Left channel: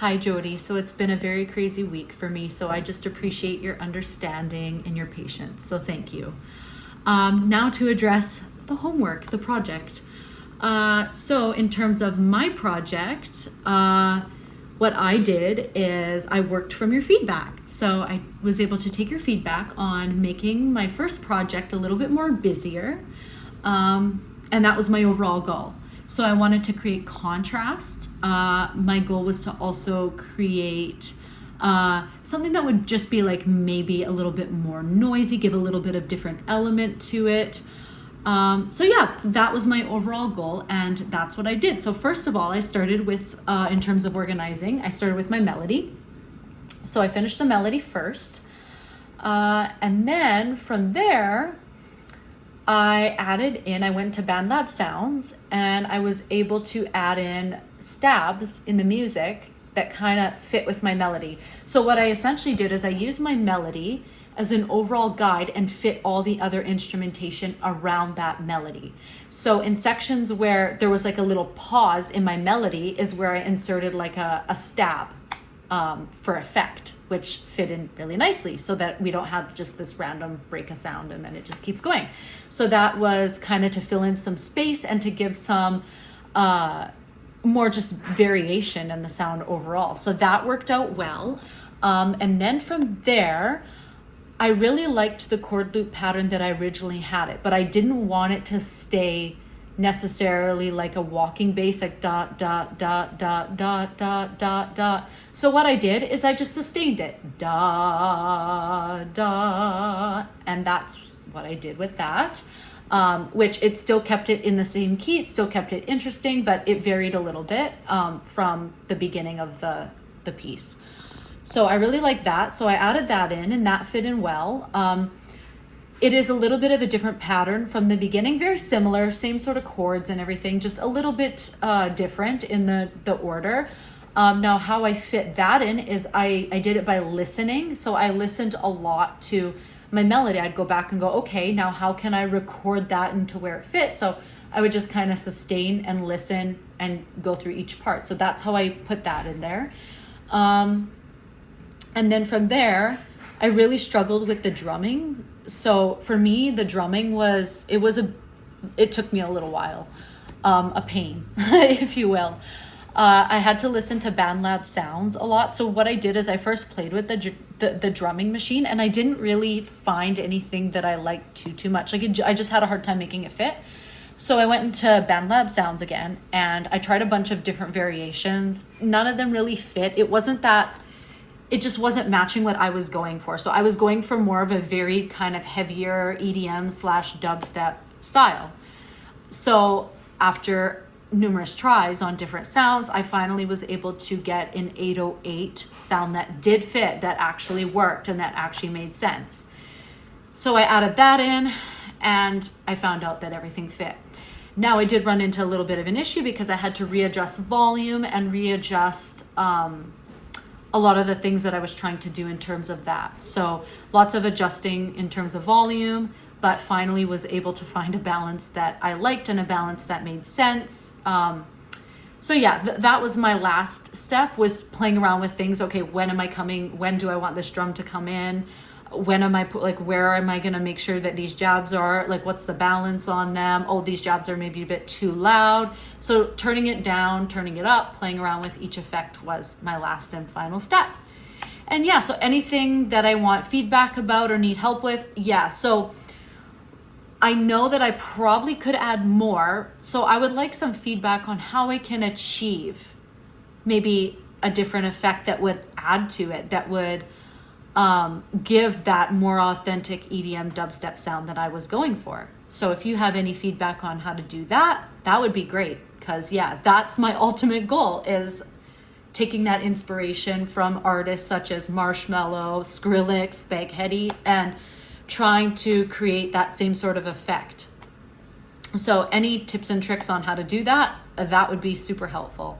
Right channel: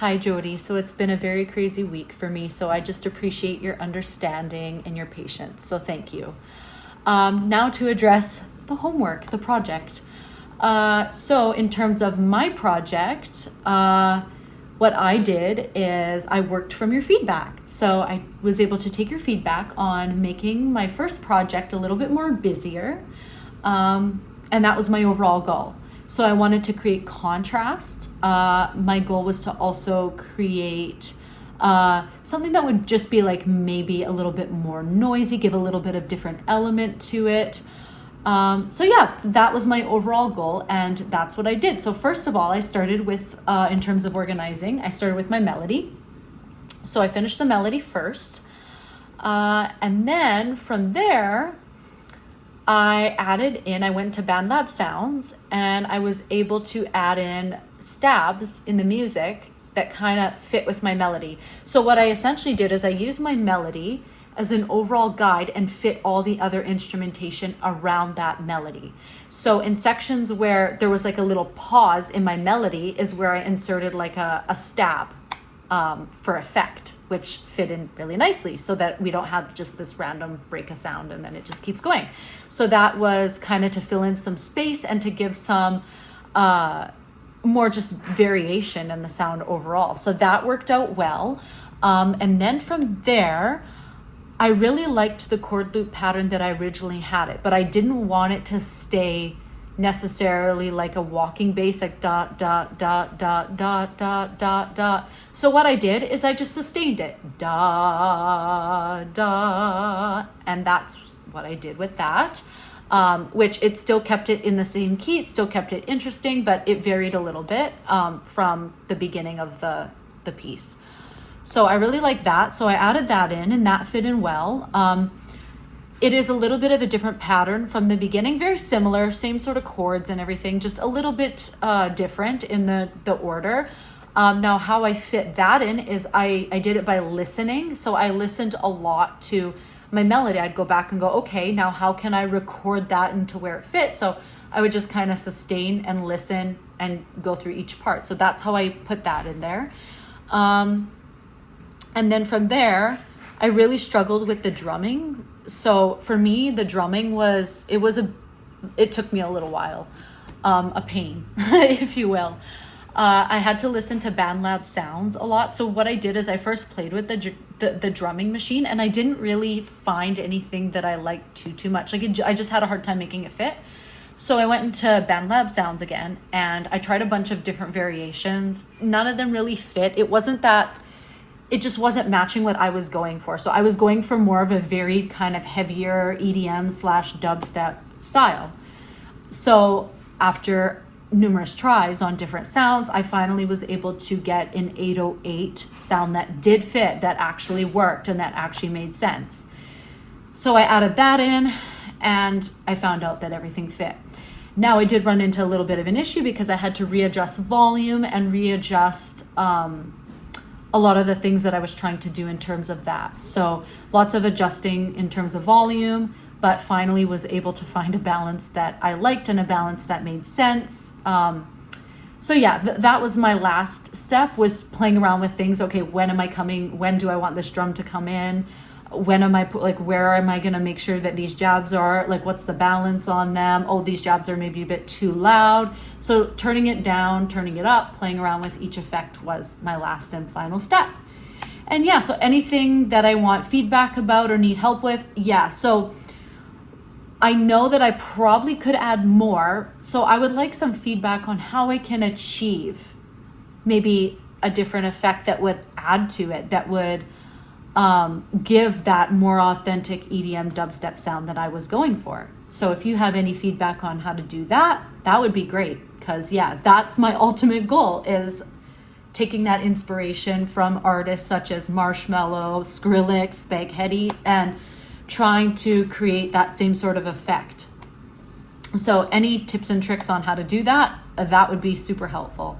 Hi, Jody. So it's been a very crazy week for me, so I just appreciate your understanding and your patience. So thank you. Now to address the homework, the project. So in terms of my project, what I did is I worked from your feedback. So I was able to take your feedback on making my first project a little bit more busier. And that was my overall goal. So I wanted to create contrast. My goal was to also create something that would just be like maybe a little bit more noisy, give a little bit of different element to it. So yeah, that was my overall goal, and that's what I did. So first of all, I started with, in terms of organizing, I started with my melody. So I finished the melody first. And then from there, I went to BandLab Sounds, and I was able to add in stabs in the music that kind of fit with my melody. So what I essentially did is I used my melody as an overall guide and fit all the other instrumentation around that melody. So in sections where there was like a little pause in my melody is where I inserted like a stab for effect, which fit in really nicely so that we don't have just this random break a sound and then it just keeps going. So that was kind of to fill in some space and to give some more just variation in the sound overall. So that worked out well. And then from there, I really liked the chord loop pattern that I originally had it, but I didn't want it to stay necessarily like a walking bass, like dot, dot, dot, dot, dot, dot, dot, dot. So what I did is I just sustained it, da, da, and that's what I did with that, which it still kept it in the same key, it still kept it interesting, but it varied a little bit from the beginning of the piece. So I really like that, so I added that in, and that fit in well. It is a little bit of a different pattern from the beginning, very similar, same sort of chords and everything, just a little bit different in the order. Now how I fit that in is I did it by listening. So I listened a lot to my melody. I'd go back and go, okay, now how can I record that into where it fits? So I would just kind of sustain and listen and go through each part. So that's how I put that in there. And then from there, I really struggled with the drumming. So for me, the drumming it took me a little while, a pain, if you will. I had to listen to BandLab Sounds a lot. So what I did is I first played with the drumming machine, and I didn't really find anything that I liked too much. I just had a hard time making it fit. So I went into BandLab Sounds again, and I tried a bunch of different variations. None of them really fit. It just wasn't matching what I was going for. So I was going for more of a very kind of heavier EDM/dubstep style. So after numerous tries on different sounds, I finally was able to get an 808 sound that did fit, that actually worked, and that actually made sense. So I added that in, and I found out that everything fit. Now I did run into a little bit of an issue because I had to readjust volume and readjust a lot of the things that I was trying to do in terms of that. So lots of adjusting in terms of volume, but finally was able to find a balance that I liked and a balance that made sense. So yeah, that was my last step, was playing around with things. Okay, when do I want this drum to come in? Where am I gonna make sure that these jabs are, like, what's the balance on them? Oh, these jabs are maybe a bit too loud. So turning it down, turning it up, playing around with each effect was my last and final step. And yeah, so anything that I want feedback about or need help with, yeah. So I know that I probably could add more. So I would like some feedback on how I can achieve maybe a different effect that would add to it, that would give that more authentic EDM dubstep sound that I was going for. So if you have any feedback on how to do that, that would be great. Because yeah, that's my ultimate goal, is taking that inspiration from artists such as Marshmello, Skrillex, Spaghetti, and trying to create that same sort of effect. So any tips and tricks on how to do that, that would be super helpful.